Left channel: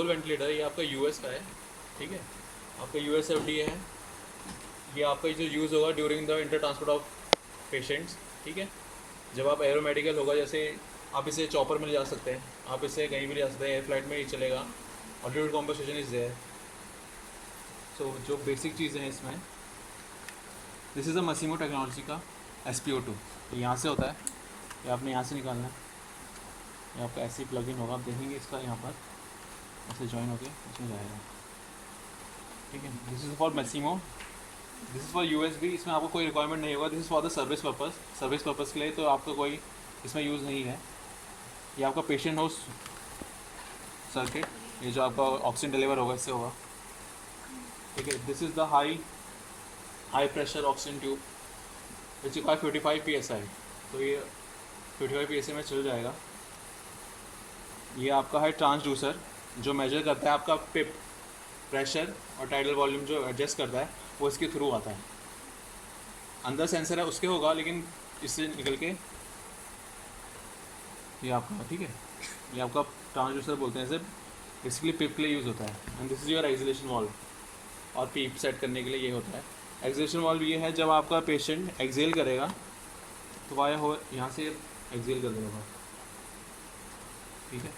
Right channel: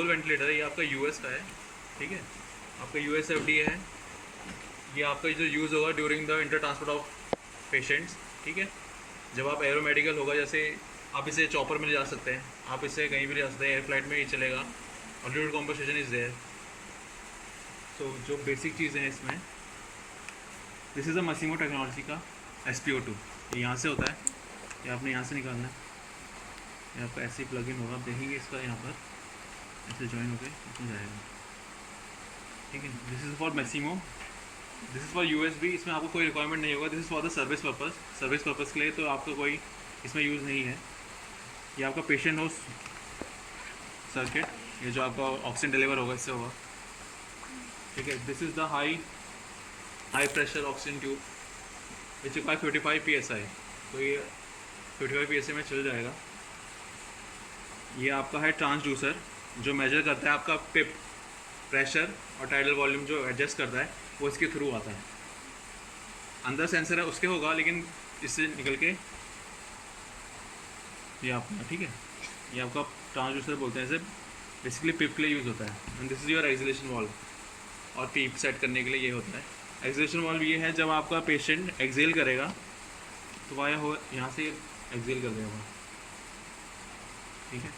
जोल वेंटिलेटर है, ये आपका यूएस का है, ठीक है, आपका यूएस एफडीए है। ये आपका जो यूज़ होगा during the inter transport of patients, ठीक है। जब आप एरोमेडिकल होगा, जैसे आप इसे चॉपर में ले जा सकते हैं, आप इसे कहीं भी ले जा सकते हैं, एयर फ्लाइट में ही चलेगा, ऑल्टीट्यूड कॉम्पनसेशन इज़ देयर। सो जो बेसिक चीज़ें हैं इसमें, दिस इज़ अ मसीमो टेक्नोलॉजी का SpO2, ये यहाँ से होता है, ये आपने यहाँ से निकालना है, ये आपका ऐसे ही प्लग इन होगा, आप देखेंगे इसका यहाँ पर ऐसे ज्वाइन होके इसमें जाएगा, ठीक है। This is for Maximo, this is for USB, इसमें आपको कोई रिक्वायरमेंट नहीं होगा, this is for the service purpose, service purpose के लिए तो आपका कोई इसमें यूज़ नहीं है। ये आपका पेशेंट होस्ट सर्किट, ये जो आपका ऑक्सीजन डिलीवर होगा इससे होगा, ठीक है। This is the high pressure oxygen tube which require 55 PSI, तो ये 55 PSI में चल जाएगा। ये आपका है ट्रांसड्यूसर, जो मेजर करता है आपका पिप प्रेशर और टाइडल वॉल्यूम, जो एडजस्ट करता है वो इसके थ्रू आता है। अंदर सेंसर है उसके होगा, लेकिन इससे निकल के ये आपका, ठीक है, ये आपका ट्रांसड्यूसर बोलते हैं, इसे बेसिकली पिप के लिए यूज़ होता है। And this is your acceleration valve, और पीप सेट करने के लिए ये होता है। एक्सलेशन वाल्व ये है, जब आपका पेशेंट एक्सेल करेगा तो वाया हो यहाँ से एक्सेल कर देगा, ठीक है।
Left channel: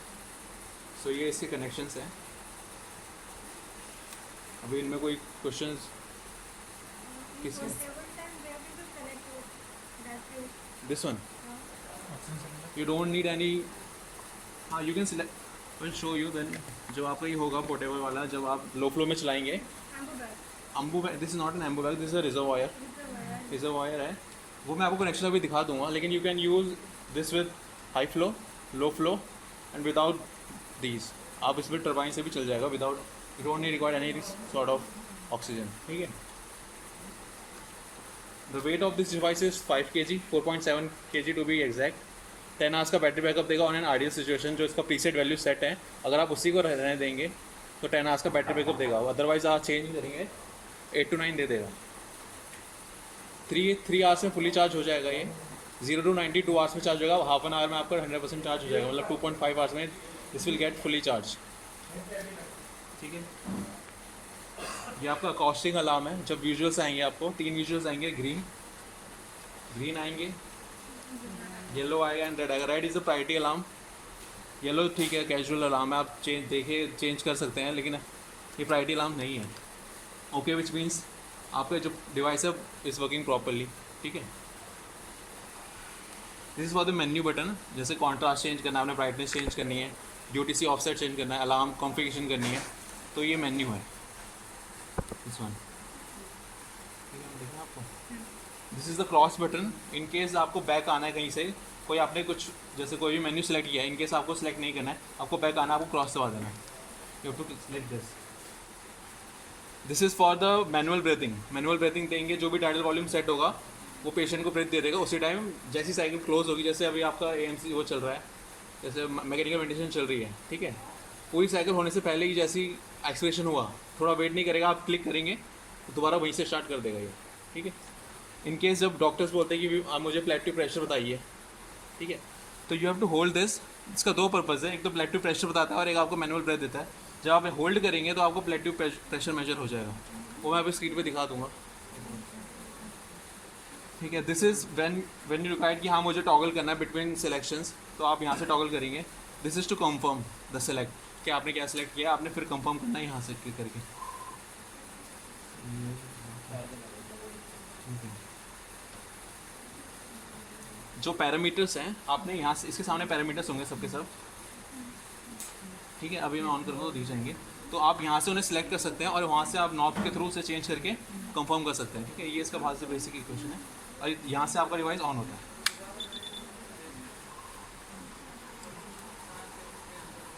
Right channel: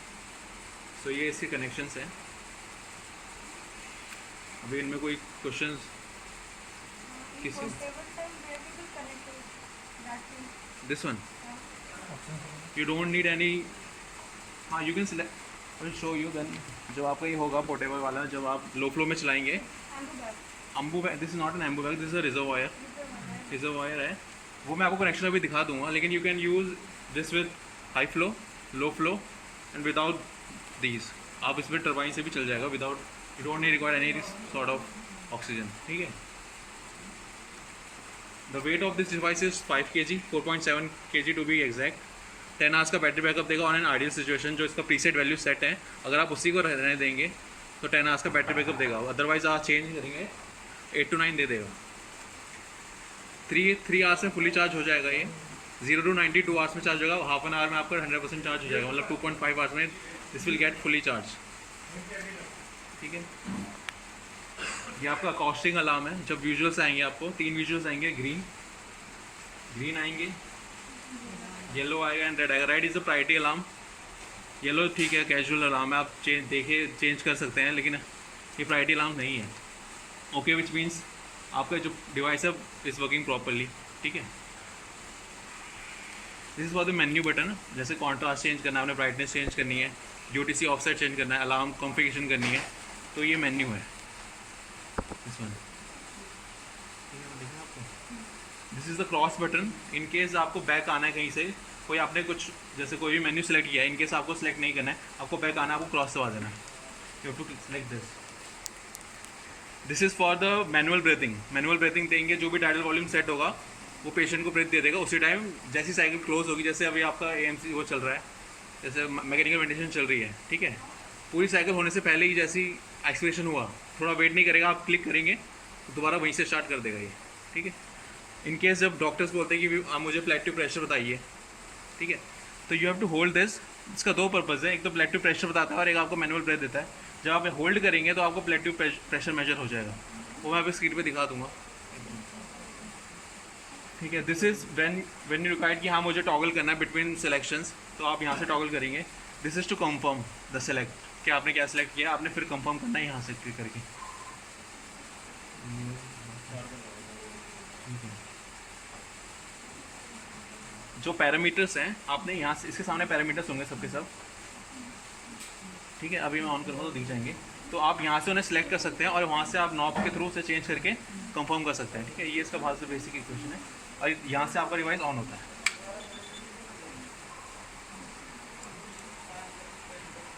सो ये इसके कनेक्शंस हैं। अभी इनमें कोई क्वेश्चंस किसी, this one you don't need any, हाँ you can select, will show you then. जब आपका ये होगा पोर्टेबल वाला, जब आप लो फ्लो में चलाएंगे, ambu bag, this is not an ambu bag, this is a reservoir है, वो मैं आपको कनेक्शन अभी दिखा दूंगा। लेकिन you can use this with high flow, low flow and without these, आप इसमें टर्बाइन से भी चल जाएगा without, you don't need require any sort of oxygen, ठीक है। The weight of this device is 5 kg, 4.7 kg to be exact. 10 hours का battery backup देगा ऑन एन आइडियल सिचुएशन, जो इसका प्रीसेट वैल्यू सेट है, अगर आप उसी को रहने देंगे तो 10 आवर्स का बैटरी बैकअप देगा, अदरवाइज आप चेंज नहीं करेंगे 8 to 9 दे देगा। 3 आवर्स में फुली चार्ज हो जाएगा ये, 0 to 90 2 आवर्स में चार्ज होगा, हाफ एन आवर में आपका 100% चार्ज हो जाएगा, मतलब 2.5 आवर्स में this will get fully charge, ठीक है। ये आपका कॉस्टिंग अलार्म है, जब विजुअल्स आएंगे आपको 3 विजुअल्स आएंगे, ग्रीन आएंगे, येलो आएगा एंड रेड आएगा। Red is the priority alarm, yellow ठीक है कैजुअल अलार्म है, आप चेंज कर सकते हैं, लेकिन ये प्रायोरिटी अलार्म नहीं है। ओके, विच मीन्स आपका जो डिवाइस है इज़ वर्किंग प्रॉपरली, ठीक है। This is for the menu button, जैसे कॉन्ट्रास्ट चेंज करना है, आपने ब्राइटनेस चेंज करनी है, UTC ऑफसेट चेंज करना है, अलार्म कॉन्फ़िगरेशन करनी है, तो ये मेन्यू है दिस वन, आपको this is the cross button. In case आपको बैक आना है कहीं से, कोई आपने कुछ जैसे कोई भी मेन्यू सेलेक्ट किया है, इन केस आपको सेलेक्ट नहीं करना है, आपको बैक आना है, आपको क्रॉस दबा देना है, you have to select this. This is for the manual breathing, manual breathing देंगे, जो भी टाइडल वॉल्यूम सेट होगा वो पेशेंट को ब्रीथ दे देगा उसी टाइम, जैसी साइकिल क्लोज होगी, जैसे अभी आपका AMC वो चल रहा है, जैसे मैकेनिकल वेंटिलेशन चल रही है, ठीक है, पूरी साइकिल होने से पहले ही जैसी एक्सपिरेशन हुआ, थोड़ा वेट नहीं करेगा, आप क्लिक करेंगे तो दोबारा वहीं से स्टार्ट कर देगा ये, ठीक है। इन केस जब डॉक्टर्स बोलते हैं कि आप मुझे प्लेटिव प्रेशर बताइए, ठीक है, तो you have to hold this. इसका 2 पर्पज़ है, एक तो प्लेटिव प्रेशर बताता है और एक आपको मैनुअल ब्रेथ देता है। जब आप होल्ड करेंगे तो आपको प्लेटिव प्रेशर मेजर हो जाएगा, वो मैं अभी स्क्रीन पे दिखा दूंगा, ठीक है। This is when you required कि हाँ मुझे टॉगल करना है बिटवीन सिलेक्शंस, तो आप यहाँ से टॉगल करेंगे। This is to confirm the select, कि आपने क्या सेलेक्ट किया, आपने फिर कंफर्म करना है यहाँ से क्लिक करके, जो पैरामीटर्स हैं आपने यहाँ से, इसके सामने पैरामीटर्स होंगे सबके सब, ठीक है। अभी मैं ऑन करूँगा तो दिख जाएंगे, तो आप यहाँ से उन्हें सेलेक्ट कर सकते हैं और वहाँ से आप नॉब के थ्रू से चेंज करके कंफर्म कर सकते हैं, ठीक है। ये इसका बहुत से बेसिक इक्वेशन है, और यहाँ से आपका डिवाइस ऑन होता है।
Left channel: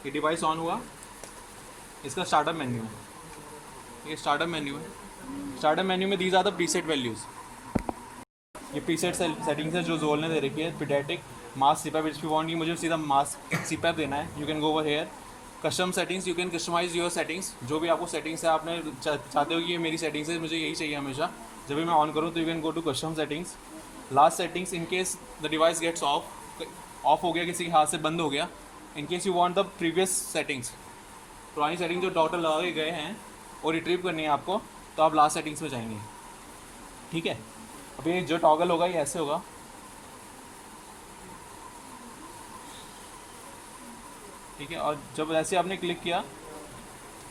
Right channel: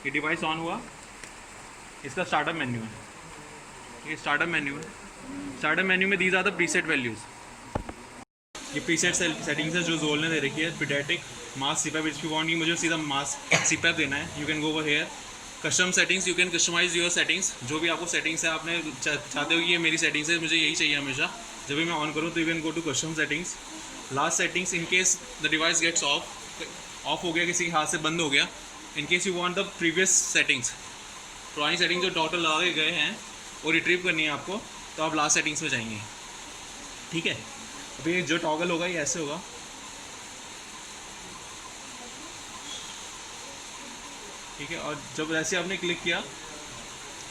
ये डिवाइस ऑन हुआ, इसका स्टार्टअप मेन्यू है, ये स्टार्टअप मेन्यू है। स्टार्टअप मेन्यू में these are the preset values, ये प्रीसेट सेटिंग्स है जो जोल ने दे रखी है। Pediatric mask CPAP, if you want कि मुझे सीधा मास सीपैप देना है, you can go over here. Custom settings, you can customise your settings, जो भी आपको सेटिंग्स है, आपने चाहते हो कि ये मेरी सेटिंग्स है, मुझे यही चाहिए हमेशा, जब भी मैं ऑन करूँ तो you can go to custom settings. Last settings, in case the device gets off हो गया, किसी के हाथ से बंद हो गया, in case you want the previous settings, पुरानी सेटिंग जो डॉक्टर लगा के गए हैं वो रिट्रीव करनी है आपको, तो आप लास्ट सेटिंग्स में जाएंगे, ठीक है। अभी ये जो टॉगल होगा ये ऐसे होगा, ठीक है। और जब ऐसे आपने क्लिक किया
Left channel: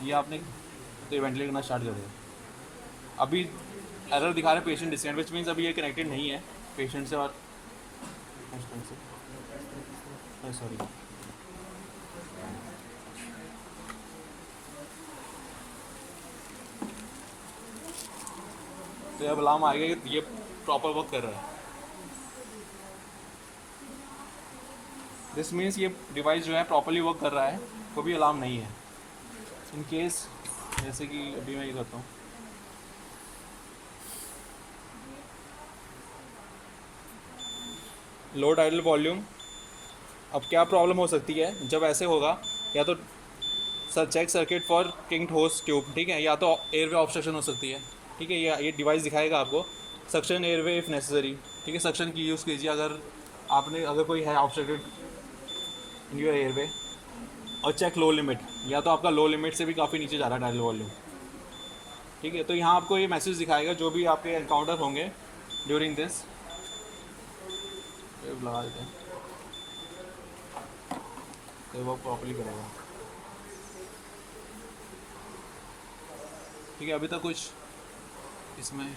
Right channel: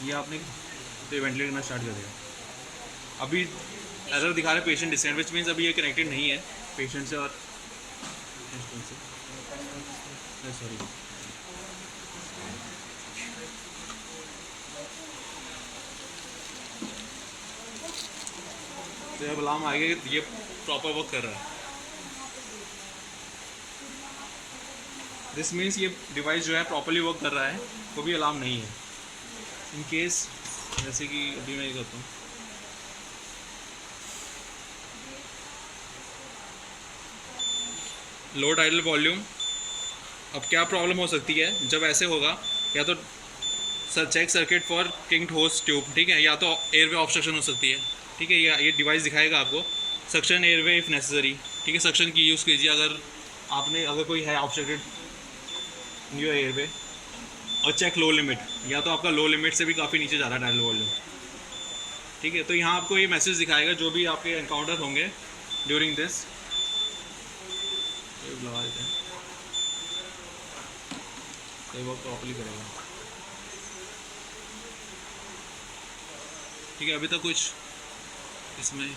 ये आपने तो वेंटिलेट करना स्टार्ट कर देगा। अभी एरर दिखा रहा है पेशेंट डिस्टेंट, विच मीन्स अभी ये कनेक्टेड नहीं है पेशेंट से और सॉरी। तो अब अलार्म आ गया कि ये प्रॉपर वर्क कर रहा है। दिस मीन्स ये डिवाइस जो है प्रॉपरली वर्क कर रहा है, तो भी अलार्म नहीं है। इन केस जैसे कि अभी मैं ये करता हूँ, लो टाइडल वॉल्यूम। अब क्या प्रॉब्लम हो सकती है जब ऐसे होगा, या तो सर चेक सर्किट फॉर किंग्ड होस ट्यूब, ठीक है, या तो एयरवे ऑब्स्ट्रक्शन हो सकती है, ठीक है। ये डिवाइस दिखाएगा आपको सक्शन एयरवे इफ़ नेसेसरी, ठीक है। सक्शन की यूज़ कीजिए अगर कोई है ऑब्स्ट्रक्टेड योर एयरवे। और चेक लो लिमिट, या तो आपका लो लिमिट से भी काफ़ी नीचे जा रहा है टाइडल वॉल्यूम, ठीक है। तो यहाँ आपको ये मैसेज दिखाएगा जो भी आपके एनकाउंटर होंगे ड्यूरिंग दिस। लगा देते हैं तो वो प्रॉपर्ली करेगा, ठीक है। अभी तक कुछ इसमें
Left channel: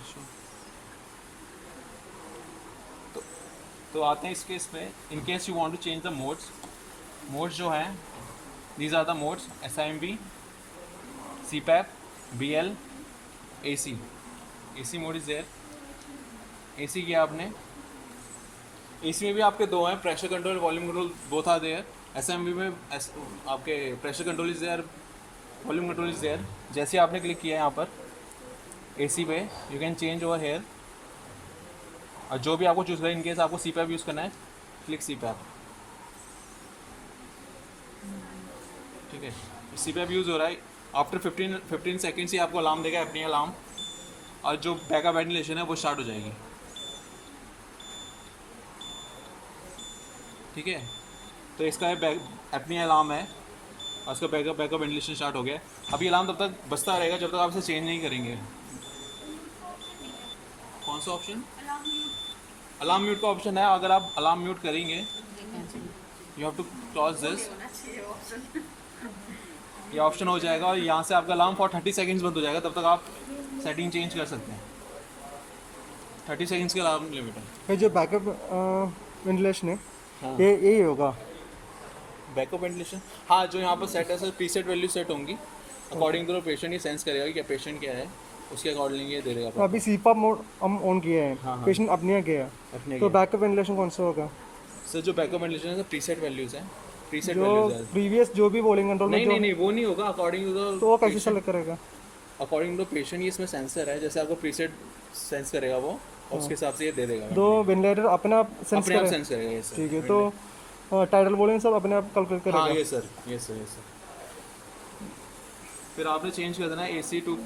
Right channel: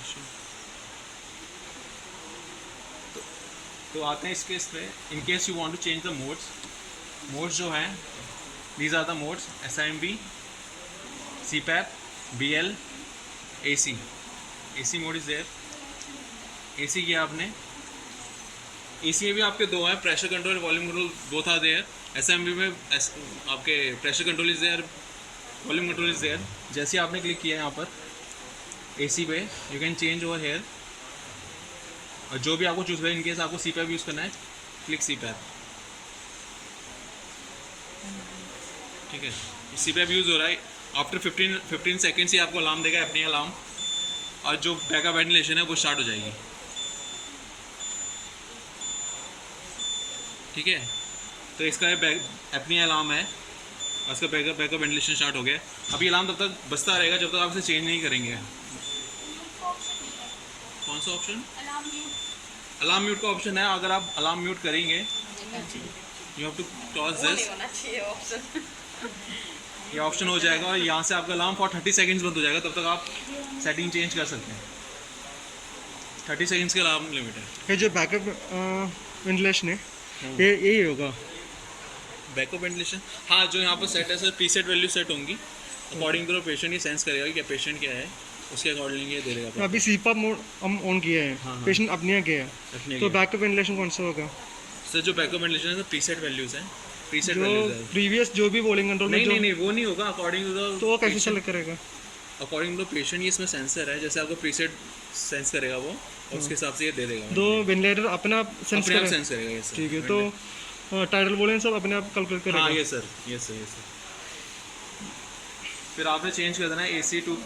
तो आते हैं इस केस पे। In case you want to change the modes जो हैं, these are the modes SIMV, CPAP, BL, AC। AC mode is there. AC किया आपने, AC में भी आपके दो हैं, pressure control, volume control, both are there. SIMV में आपके pressure control is there, volume control is there. जैसे आपने क्लिक किया है यहाँ पर AC पे, you can change over here. और जो भी आपको चूज़ करें, इनकेस आपको CPAP यूज़ करना है, क्लिक CPAP, ठीक है। CPAP यूज़ हो रहा है। आफ्टर 15 सेकेंड्स ही आपको अलार्म देगा, अपनी अलार्म, और जो बैकअप वेंटिलेशन है वो स्टार्ट हो जाएगी, ठीक है। तो इसका अपनी अलार्म है और इसका बैकअप वेंटिलेशन स्टार्ट हो गया। अभी अलार्म तब तक बजता रहेगा जब तक आप इसे चेंज नहीं करेंगे। कौन सा ऑप्शन? अलार्म म्यूट का ऑप्शन है। अगर आप अलार्म म्यूट करेंगे, you have to toss this, ये ऑप्शन हो जाएगा और यहाँ से आपका अलार्म फॉर 30 सेकेंड्स बंद हो जाएगा। तब तक आप सेटिंग चेंज कर सकते हैं। 30 सेकेंड्स का अलार्म लिमिट है। ये जो बैकअप वेंटिलेशन है, ये यही होगा बैकअप वेंटिलेशन। हाँ, जो यहाँ पर सेट है सर, प्रीसेट वैल्यू सेट होंगी अकॉर्डिंग टू पेशेंट। ही सेंस करेगा कि क्या पेशेंट क्या है, उसके अकॉर्डिंग ये दे देगा। अभी CPAP मोड हम ऑन किया है, हाँ। पेशेंट अपने गया है, तो बैकअप वेंटिलेशन कौन सा होगा सर? जो बैकअप वेंटिलेशन है प्रीसेट वैल्यूज है, प्रीसेट जो वैल्यूज है। प्रीवियस जो भी वॉल्यूम कंट्रोल में नहीं, वो नहीं होगा अकॉर्डिंग टू द, तो वो कैसे सेलेक्ट करेगा? According to patient. ये इसमें सेंसर है, जैसे आपको प्रीसेट सेंस करेगा वो, और उसके हिसाब से ये दे देगा। तो वेंटिलेटर अपने आप सेंस करेगा ये सर, ठीक है। तो टाइडल वॉल्यूम सब अपने आप कैलकुलेट करेगा। हाँ, ये सर। फिर आपने चेंज कर देना है AC टू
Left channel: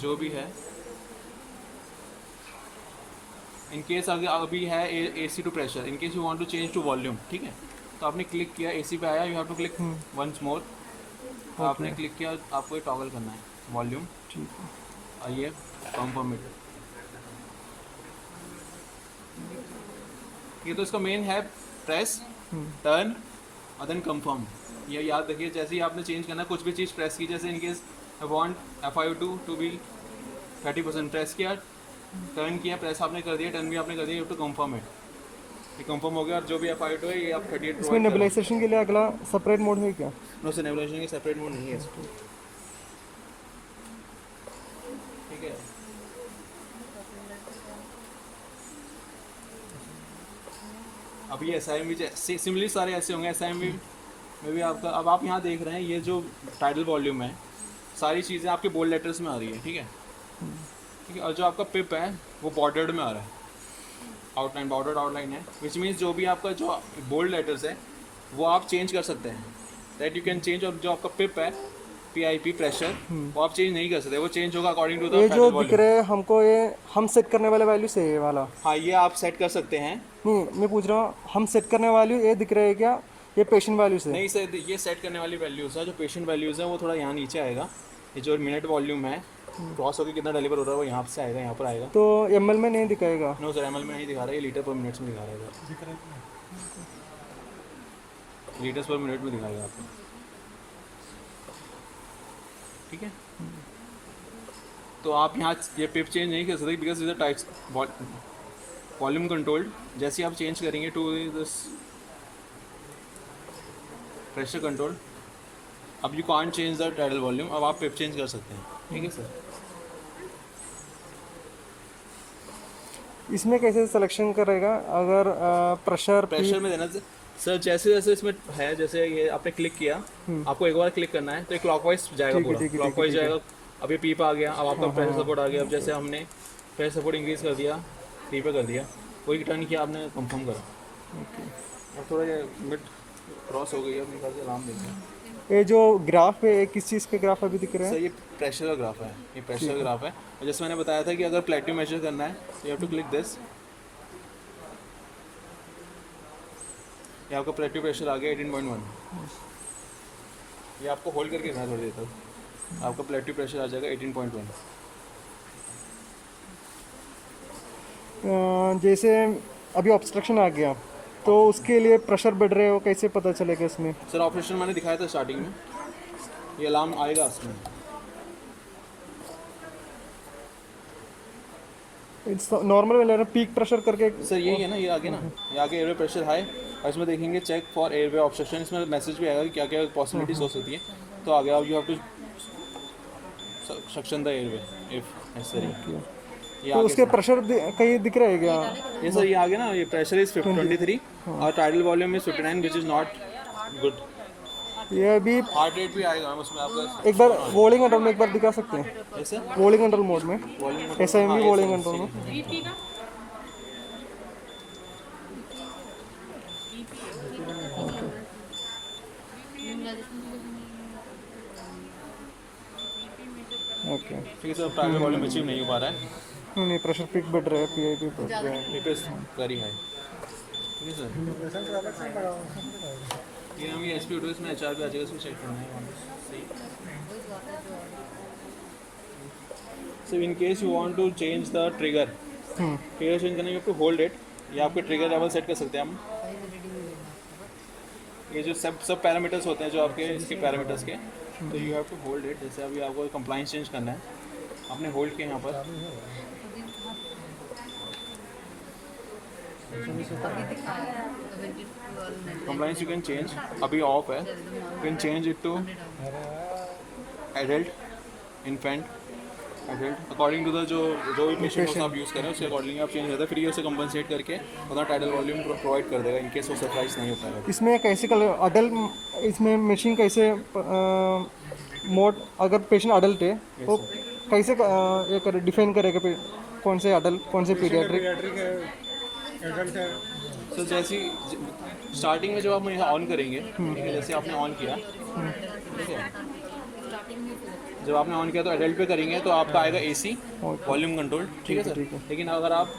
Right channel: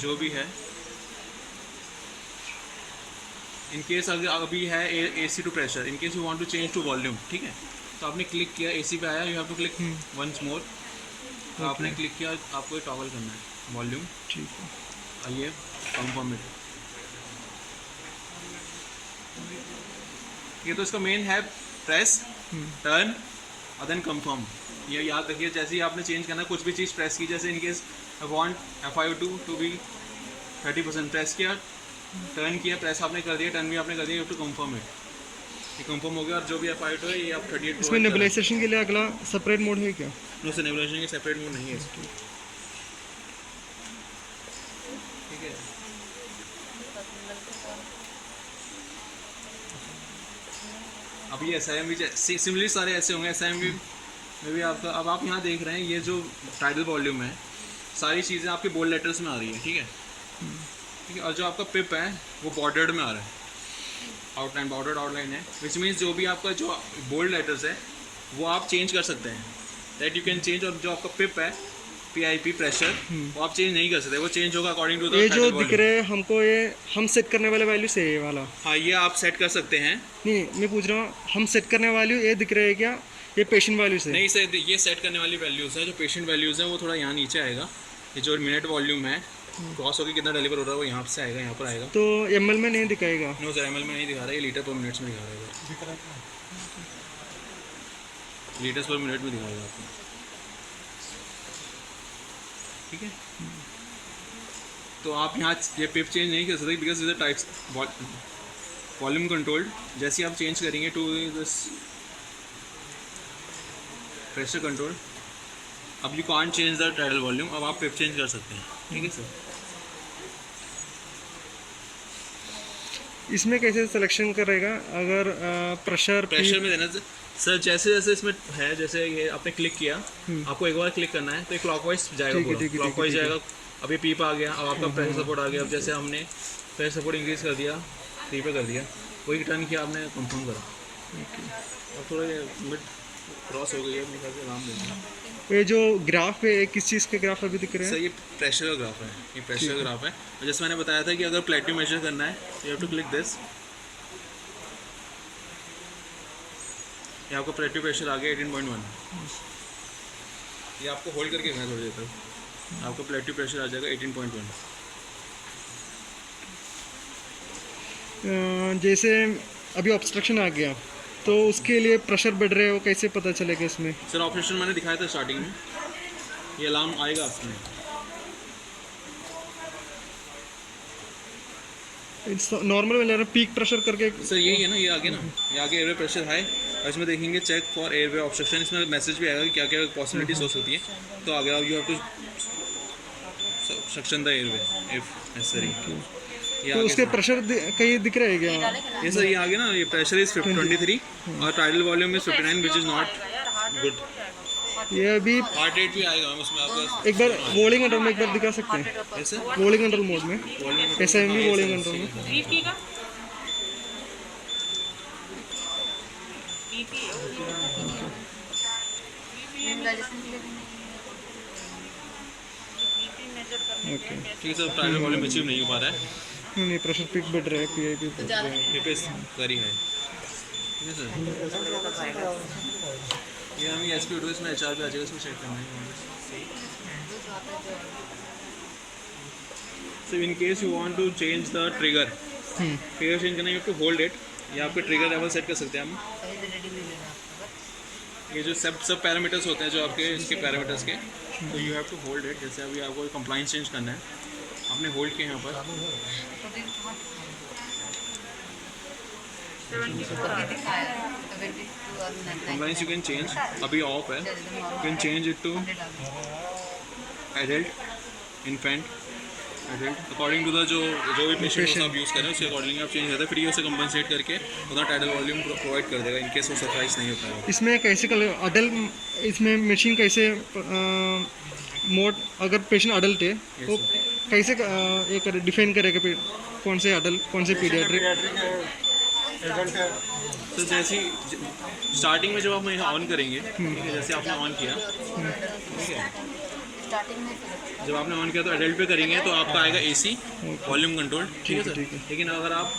जो भी है। इन केस अगर अभी है AC to pressure, in case you want to change to volume, ठीक है। तो आपने क्लिक किया, AC पे आया, you have to click once more. आपने क्लिक किया, आपको ये टॉगल करना है वॉल्यूम, ठीक है। आइए कंफर्म इट। ये तो इसका मेन है, प्रेस, टर्न और देन कंफर्म। ये याद रखिए, जैसे ही आपने चेंज करना, कुछ भी चीज़ प्रेस की, जैसे in case I want FiO2 to be 30%, press किया, टर्न किया, प्रेस आपने कर दिया, टर्न भी आपने कर दिया, यू टू कंफर्म इट। ये कंफर्म हो गया। और जो भी FiO2 है ये आप 38 इसमें नेबुलाइजेशन के लिए अगला सेपरेट मोड है क्या? नो सर, नेबुलाइजेशन के सेपरेट मोड नहीं है, ठीक है। अब ये SIMV सिमिलरली सारे ऐसे होंगे। SIMV में भी आपका, अब आप यहाँ देख रहे हैं ये जो टाइडल वॉल्यूम है, सारी चीज़ें आपके बोल्ड लेटर्स में आ रही है, ठीक है। ठीक है। और जो आपका पिप है वो बॉर्डर्ड में आ रहा है, आउटलाइन, बॉर्डर्ड आउटलाइन है, विच मीन्स जो भी आपका जो बोल्ड लेटर्स है वो आप चेंज कर सकते हैं, दैट यू कैन चेंज। और जो आपका पिप है, PIP प्रेशर, वो आप चेंज नहीं कर सकते, वो चेंज होगा अकॉर्डिंग टू द ये जो दिख रहे हैं हमको, ये हम सेट करने वाले वैल्यू से ये वाला? हाँ, ये आप सेट कर सकते हैं। नहीं, मैं पूछ रहा हूँ, हम सेट करने वाली ये दिख रहे हैं क्या, ये पेशेंट वैल्यूज है। नहीं सर, ये सेट करने वाली वैल्यूज़ है। जो पेशेंट वैल्यूज़ हैं वो थोड़ा यहाँ नीचे आएगा। ये जो मिनट वॉल्यूम है क्रॉस होकर कितना डिलीवर हो रहा है वो यहाँ से आएगा, यहाँ पर आएगा। तो ml में नहीं दिखाएगा? नो सर, ml में नहीं दिखा रहा है, ये लीटर पर मिनट्स में दिखा रहा है। लीटर्स पर मिनट में दिखाएगा आपको, ठीक है। तो आप यहाँ ये पिप चेंज नहीं कर सकते because is tight volume controlled. जैसे आप चेंज करेंगे टू दिस प्रेशर कंट्रोल, अब you can't change the tidal volume, अब आप पिप चेंज कर सकते हैं, ठीक है सर। इसमें कैसे सिलेक्शन करेगा अगर प्रेशर में देना सर, जैसे जैसे इसमें है, जैसे ये आपने क्लिक किया, आपको एक बार क्लिक करना है तो ये क्लॉकवाइज जाएगा, पूरा क्लॉकवाइज जाएगा। अभी पी पे आ गया, अब आपका प्रेशर सपोर्ट आ गया। अब जैसे हमने प्रेशर सपोर्ट इंक्रीज कर दिया, 3 पे कर दिया, वही टर्न किया आपने, कंफर्म करा। अब थोड़ा ये मिड क्रॉस हो गई है, अपने ख्याल से आराम देना। ये जो ग्राफ है किस चीज़ के ग्राफ अभी दिख रहे हैं? सर ये प्रेशर का ग्राफ है, ये प्रेशर का ग्राफ है। और जैसे मैंने बताया था कि अगर प्लेटिनम मेजर करना है you have to click this, ये आपका प्लेटिनम प्रेशर आ गया 18.1। ये आपको होल्ड करके रखना है थोड़ी देर तक, आपका प्लेटिनम प्रेशर आ जाएगा 18.1। जैसे अभी ऑब्स्ट्रक्शन आ गया तो उसके लिए प्रेशर बढ़ रहे हो, कैसे पता चलेगा इसमें? सर ऑपरेशन मैंने दिखाया था स्टार्टिंग में, ये अलार्म आएगा उसमें। नॉर्मल वाले पीक प्रेशर करके सर यही है ना, ये आगे ना, ये आगे एयरवे प्रेशर हाई, और इसमें देखेंगे चेक फॉर एयरवे ऑब्स्ट्रक्शन, इसमें मैसेज भी आएगा कि क्या क्या पॉसिबिलिटीज हो सकती है। तो आगे आप you have to suction the airway if necessary. तो उसके प्रेशर कहीं दिख रहा है क्या? ये सर ये आगे ना, ये प्रेशर इज 23 और tidal volume is 59 which is not good. ये अभी हार्ट रेट भी आएगा उसमें आपको। एक बार वॉलिंग कंट्रोल में एक बार दिखा सकते हैं? ऐसे वॉलिंग कंट्रोल मोड में, ऐसा है भी वॉलिंग कंट्रोल में। ओके, ठीक है सर, टाइडल वॉल्यूम अचीव नहीं हो पा रहा है, नहीं प्रेशर पिक बढ़ रहा है, पीआईपी बढ़ रहा है। ये पे वेरी हाई, ठीक है सर। ये हम ये एसपी इसमें एचआर पे आ जाएगा, इसको चेक करना है। So in case you want to change the trigger, trigger change करना, you have to hold it. ये आपके ट्रिगर लेवल सेट कर सकते हैं हम। ये जो सब पैरामीटर्स होते हैं जो आपके इसके पैरामीटर्स के, तो you have to hold it. जैसे अभी आपको कंप्लाइंस चेंज करना है, आपने होल्ड किया यहाँ पर, कंप्लाइंस यू कैन चेंज, अभी ऑफ है, you can change it to adult, infant, adult, according to the जो भी पेशेंट आप यूज़ करें उसके अकॉर्डिंग आप चेंज करते हैं। फिर ये उसे कंपनसेट करके उतना टाइडल वॉल्यूम प्रोवाइड कर देगा इन केस वो सरप्राइज नहीं होता है। इसमें कैसे अडल्ट, इसमें मशीन कैसे मोड, अगर पेशेंट अडल्ट है तो कैसे ये करे, डिफाइन करेगा कौन से अडल्ट कौन से पीडियाट्रिक? तो जैसे स्टार्टिंग में जब आप यहाँ ऑन करेंगे, ठीक है, जैसे आपने ऑन किया, ठीक है, जब आपने ऑन किया तो एडल्ट पे करेंगे तो आपका आएगा एसी वॉल्यूम कंट्रोल, ठीक है सर। लेकिन अगर आप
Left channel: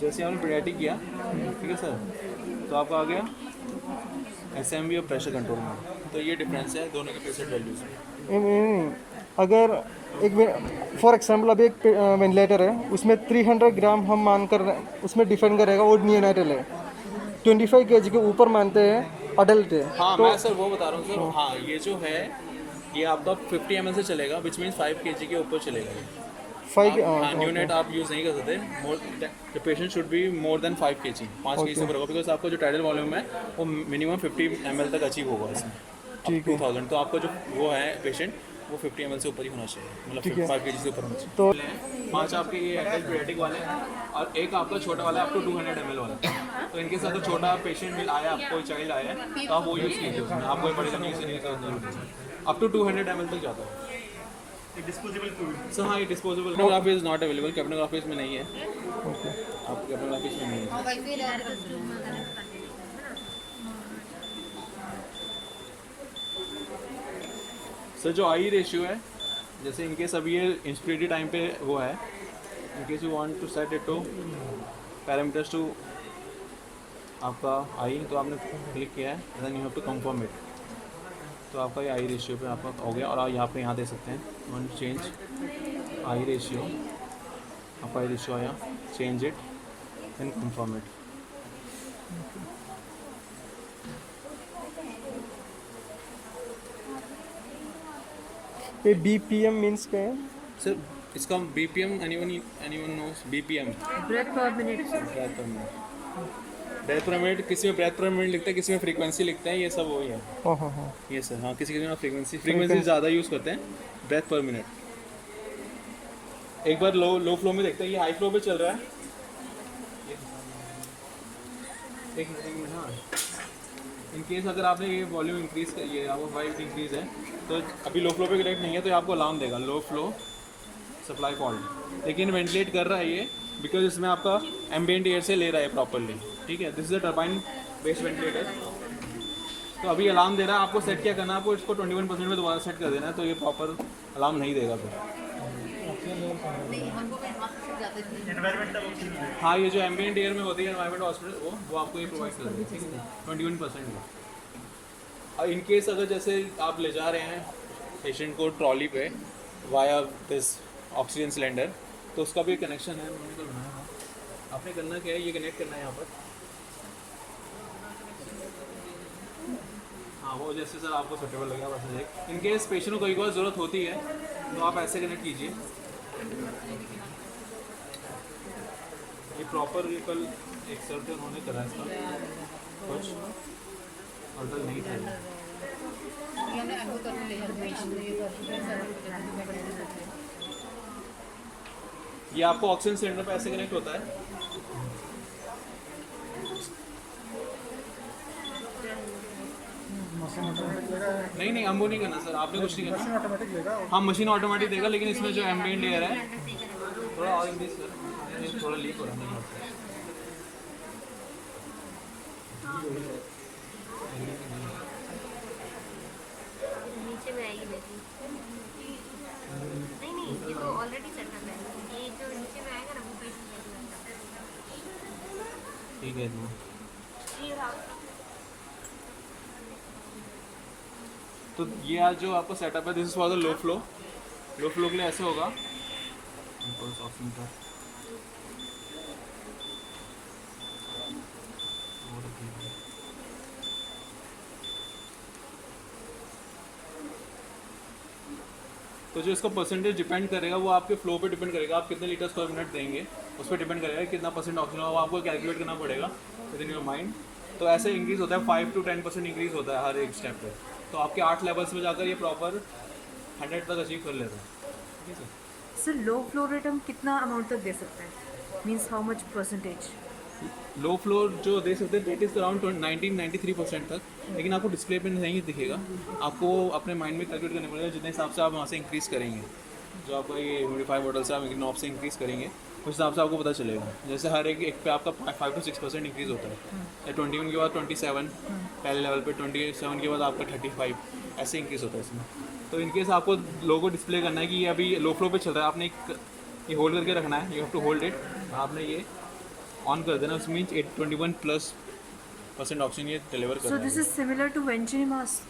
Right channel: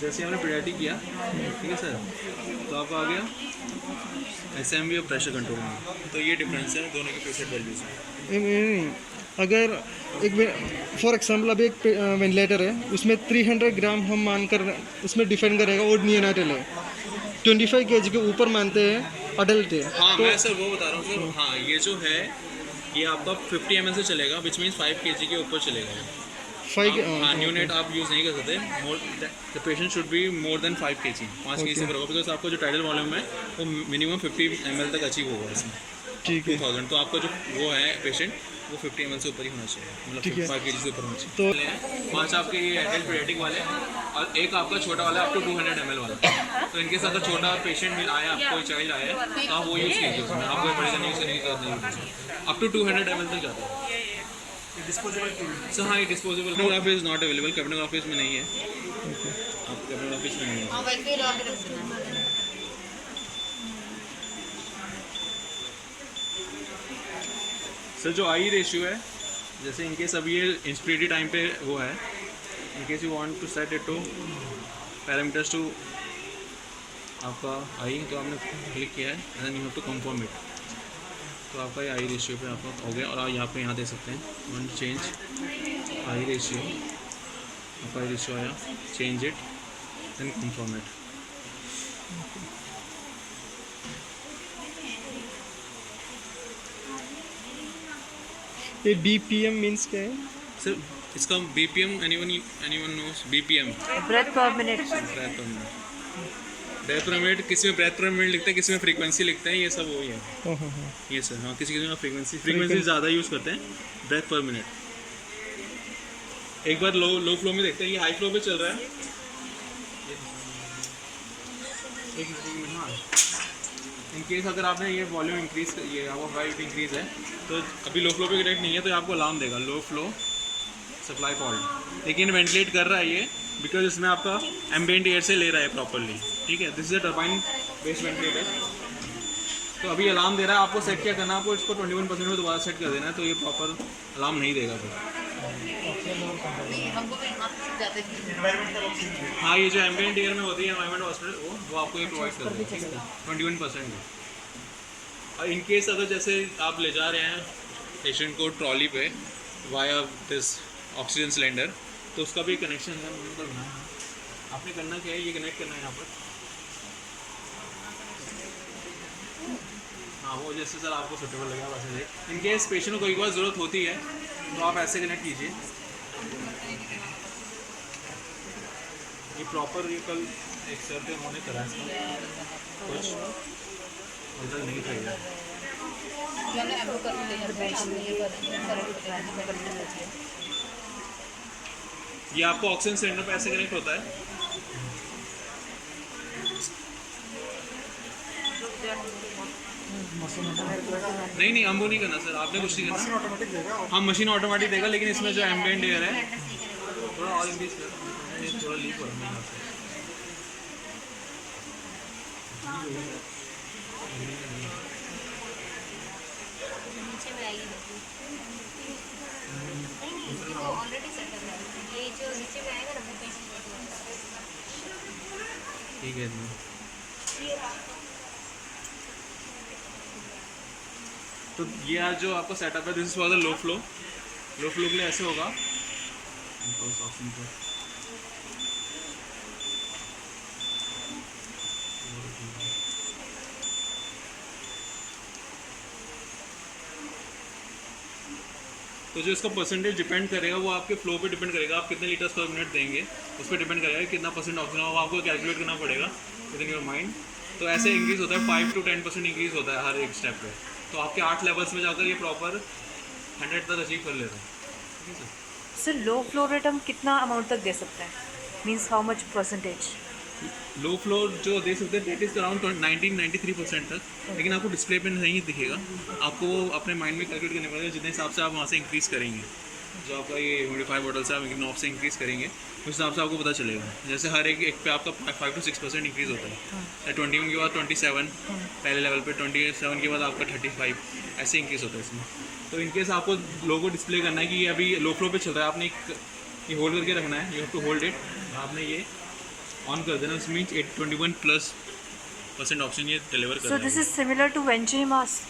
जैसे आपने पीडियाट्रिक किया, ठीक है सर, तो आपका आ गया एसएमवी और प्रेशर कंट्रोल में। तो ये डिफरेंस है दोनों के प्रेशर वैल्यूज में। अगर एक फॉर एग्जांपल अभी एक वेंटिलेटर है, उसमें 300 ग्राम हम मानकर उसमें डिफाइन करेगा वो नियोनाटल है, 25 kg के ऊपर मानते हैं अडल्ट है। हाँ तो मैं सर वो बता रहा हूँ सर, हाँ ये जो है ये आपका 50 ml से चलेगा, विच मीन्स 5 kg के ऊपर चलेगा। 5 यूनिट आप यूज़ नहीं कर सकते, the patient should be more than 5 kg, 5 kg से ऊपर होगा, बिकॉज आपका जो टाइडल वॉल्यूम है वो मिनिमम 50 ml तक अचीव होगा इसमें, ठीक है। 2000। तो आपका जो वो है पेशेंट वो 50 ml से ऊपर ही होना चाहिए, मतलब 5 kg से ऊपर होना चाहिए। तो 5 आपके ये एडल्ट पीडियाट्रिक वाले और एक आपका छोटा वाला अप टू 200 ml वाला। तो इनके साथ अगर छोटा पेशेंट आया, आपको चाइल्ड आया तो आप वो यूज़ कीजिए उसमें, आपको बड़ी करने की जरूरत नहीं है। अप टू 200 ml तक जाता है। डिस्पोजेबल सो हाँ, ये डिस्पोजेबल कैबिनोग्राफी इज़ नॉट अवेलेबल, कैबिनोग्राफी में नहीं है, आप कैबिनोग्राफी में नहीं है। सर जो आई रेशियो है, जैसे इनकेस अभी ये इंस्पिरेटरी टाइम पे वो है, in case you want to set it to parameters to आपका आई, तो आपने क्लिक किया है and then you have to confirm it, तो आपका ये आई रेशियो पे आपका हो गया। और यहाँ पे यहाँ दे सकते हैं वन चेंज आई रेशियो, आपका आई रेशियो आया, change it then confirm it. ये BPM मीन्स क्या है? सर इसका BPM anyone knows BPM breath per minute. Breath per minute, किसी में ब्रेथ पर मिनट लिखता है, किसी में फ्रीक्वेंसी लिखता है, ये सब वही है। हाँ हाँ हाँ। ये सर हाँ, किसी में फ्रीक्वेंसी ज़्यादा यूज़ करते हैं, ब्रेथ पर मिनट। एक बार लो फ्लो में देखते हैं, ये हाई फ्लो पे चल रहा है, एक मिनट। हाँ, इन केस अगर आपने ये वॉल्यूम इंक्रीज कर, ये आपका वाइट इंक्रीज है, तो अभी लो फ्लो पे कनेक्ट नहीं है तो ये आपको अलार्म देगा, लो फ्लो सप्लाई फॉल्ट। लेकिन वेंटिलेट कर रहा है ये, बिकॉज इसमें आपका एम्बिएंट एयर से ले रहा है प्रॉपरली, ठीक है। This is a turbine based ventilator. तो अभी अलार्म दे रहा है, आपको सेट क्या करना है, आपको इसको 21% में दोबारा सेट कर देना है, तो ये प्रॉपर अलार्म नहीं देगा फिर। हाँ, ये जो एम्बिएंट एयर में होती है एनवायरमेंट हॉस्पिटल, वो आपको ये प्रोवाइड कर देगा, ठीक है, 21% में। और इन केस अगर जैसे आप ले जा रहे हैं पेशेंट को ट्रॉली पे वाया दिस ऑक्सीजन सिलेंडर, तो उसका भी कनेक्शन है, मैंने तो बनाया है। आपने करना क्या है, ये कनेक्ट करना है यहाँ पर। हाँ, वो जैसे सर आपको सुटेबल लगेगा वैसे। इन केस पेशेंट को कोई बार ज़रूरत होती है तो आप ऐसे कनेक्ट कीजिए। ये प्रॉपर, ये कल एक सर थे, उन्होंने करा इसका कुछ ऑर्डर नहीं था ये। ये आपको ऑक्सीजन सिलेंडर पे ऐसे कनेक्ट होता है। नहीं हम वो नहीं करना सर, आपने कुछ नहीं करना। हाँ, मशीन ऑटोमेटिक देगा, लेकिन इसमें जो एम्बिएंट एयर है थोड़ा और इंक्रीज कर, ये थोड़ा लीक हो रहा है। नीचे में आएगी नहीं, इसको ऑलरेडी सेट करना है। ये जो नीचे में आएगा ना वो पेशेंट ठीक है जी। तो ये आज जो आपका सेटअप है, this is for the low flow के लिए ऐसे होगा। तो जो इसका परसेंटेज डिपेंड करेगा वो आपके फ्लो पे डिपेंड करेगा, आप कितने लीटर्स पर मिनट देंगे उस पर डिपेंड करेगा, कितना परसेंट ऑक्सीजन होगा, आपको कैलकुलेट करना पड़ेगा विद इन योर माइंड। तो ऐसे इंक्रीज़ होता है, 5 to 10% इंक्रीज़ होता है हर एक स्टेप पे। तो आपके 8 लेवल्स में जाकर ये प्रॉपर 100 तक अचीव कर लेते हैं, ठीक है sir. Sir low flow rate हम कितना अमाउंट तक दे सकते हैं, means how much percentage? Low flow जो दे सकते हैं डेट इज़ अराउंड 93% तक, लेकिन आपको डिस्प्ले पे नहीं दिखेगा, आपको अपने माइंड में कैलकुलेट करने पड़ेगा जितने हिसाब से आप वहाँ से इंक्रीज़ करेंगे। जो आपका ये ह्यूमिडिफायर बॉटल से आप नॉब से इंक्रीज़ करेंगे उस हिसाब से आपको पता चलेगा। जैसे हर एक पे आपका 5 to 6% इंक्रीज़ होता है। 21 के बाद 27 पहले लेवल पे, 27 के बाद आपका 35 ऐसे इंक्रीज़ होता है इसमें। तो इनकेस आपको लोगो डिस्प्ले करना है कि ये अभी लो फ्लो पे चल रहा है, आपने ये होल्ड करके रखना है, you have to hold it. आपने ये ऑन कर देना, इस मीन्स 21+% ऑप्शन ये डिलीवर कर so this is similar to venturi mask,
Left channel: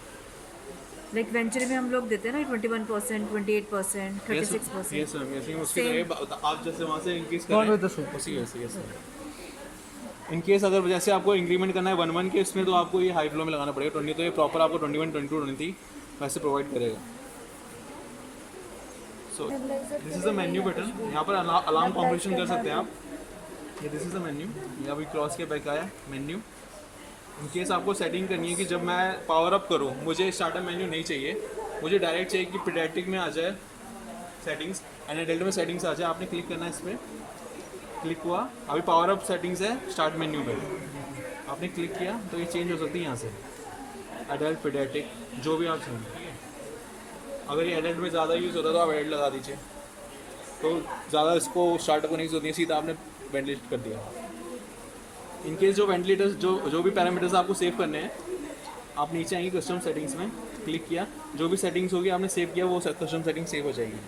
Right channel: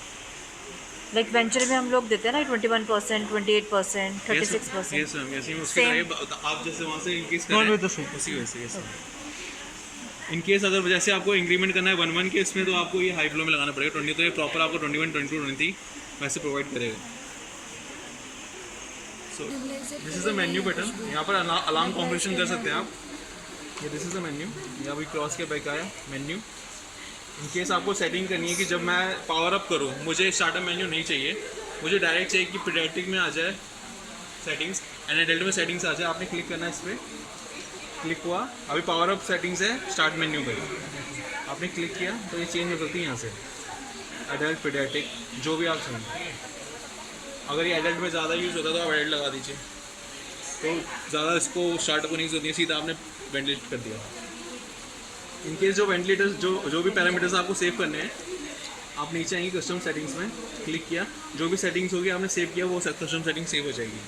like venture में हम लोग देते हैं ना 21%, 28%, 36%। यस मैम, यस मैम, उसके लिए आप जैसे वहाँ से इंक्रीज Not करें with the same. उसी वजह से। यस इन केस अगर जैसे आपको इंक्रीमेंट करना है 1 के, इसमें तो आपको ये हाई फ्लो में लगाना पड़ेगा 20, तो ये प्रॉपर आपको 21, 22, 23 वैसे प्रोवाइड करेगा। So this is the menu button, यहाँ पर अलार्म कॉम्बिनेशन कर सकते हैं आप। ये दिस इज़ द मेन्यू, यहाँ भी क्रॉस के बैक आया मेन्यू। इन केस आपको सेटिंग करनी है कि जब मैं पावर अप करूँ मुझे स्टार्टअप मेन्यू नहीं चाहिए, मुझे डायरेक्ट चाहिए कि पीडियाट्रिक में आ जाए सेटिंग्स, एंड एडल्ट में सेटिंग्स आ जाए। आपने क्लिक करना है, इस पर क्लिक हुआ, अभी पावर अप सेटिंग्स है स्टार्ट मेन्यू पर, आपने क्लिक किया तो ये चेंज हो सकती है यहाँ से, एडल्ट पीडियाट्रिक जो भी आप चाहें, ठीक है। अगर ये एडल्ट में ज़्यादा यूज़ होता है तो आप एडल्ट लगा दीजिए, तो ज़्यादा इसको स्टार्टअप नहीं होती है, सीधा आपने वेंटिलेट कर दिया। इनकेस जो वेंटिलेटर्स जो भी पैरामीटर्स आपको सेव करने हैं, आप नीचे आएंगे कस्टम सेटिंग्स में, क्लिक किया, जो भी सेटिंग्स होगी आपने सेव किया वो कस्टम सेटिंग सेव हो जाएगी।